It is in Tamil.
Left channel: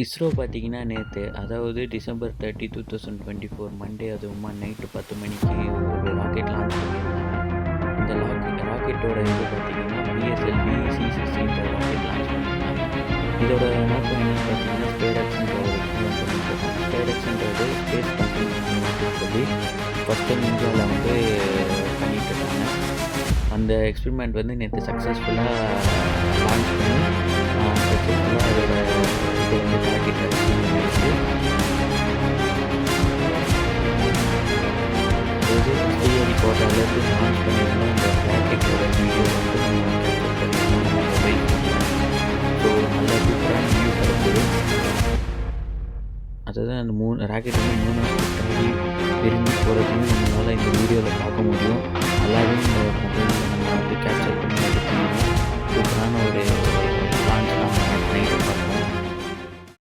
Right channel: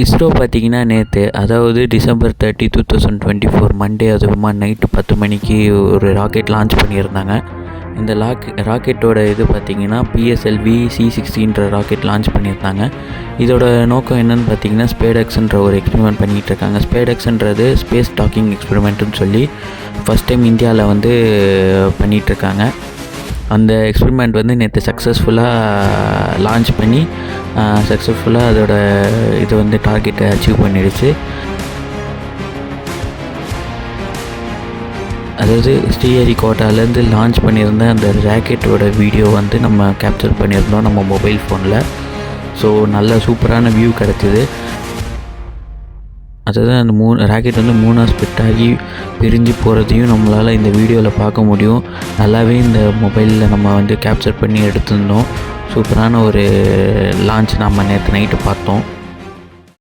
இஸ்ரோ பார்த்திங்கன்னா நேற்று, அதாவது December 30, 2024 மண்டே, அதுவுமா நைட்டு 10 மணிக்கு ஒரு ராக்கெட் லான்ச் பண்ணியிருந்தாங்க. இந்த ராக்கெட்டோட இது பார்த்திங்கன்னா PSLV C-60ன்ற ராக்கெட் லான்ச் பண்ணியிருந்தாங்க. இதோட நோக்கம் என்னென்னு பார்த்திங்கன்னா ஸ்பேடெக்ஸ்ன்ற ஒரு எக்ஸ்பெரிமெண்ட் பண்ணிகிட்ருக்காங்க. ஸ்பேடெக்ஸ்ன்றது ஸ்பேஸ் டாக்கிங் எக்ஸ்பெரிமெண்ட்டுன்னு சொல்லி ஃபஸ்ட் டைம் இந்தியாவில் வந்து பண்ணிகிட்ருக்காங்க. அந்த எக்ஸ்பெரிமெண்ட் வந்து நேற்று சக்ஸஸ்ஃபுல்லாக லான்ச் பண்ணி சக்ஸஸ்ஃபுல்லாக அதோட இது வந்து டார்கெட்டை அச்சீவ் பண்ணிடுச்சு. அதாவது ஸ்ரீஹரிகோட்டாலேருந்து லான்ச் பண்ணியிருந்த அந்த ராக்கெட்டோட வீடியோ வந்து நம்ம கேப்சர் பண்ணியிருந்தோம் நம்ம மொபைல் ஃபோனில். ஸோ நல்ல சூப்பரான வியூ கிடச்சிது. அதாவது அந்த ராக்கெட் வந்து 3ஆக ஸ்ப்ளிட் ஆகி பிரிஞ்சு போகிறதையும் நம்மளால் இந்த வீடியோவில் பார்க்க முடியும். நல்லாவே இந்த மொபைலில் நம்ம வந்து கேப்சர் பண்ணி எடுத்திருந்தோம். சூப்பரான ஒரு லான்ச் நம்ம நேற்று நைட்டு பார்த்தோம்.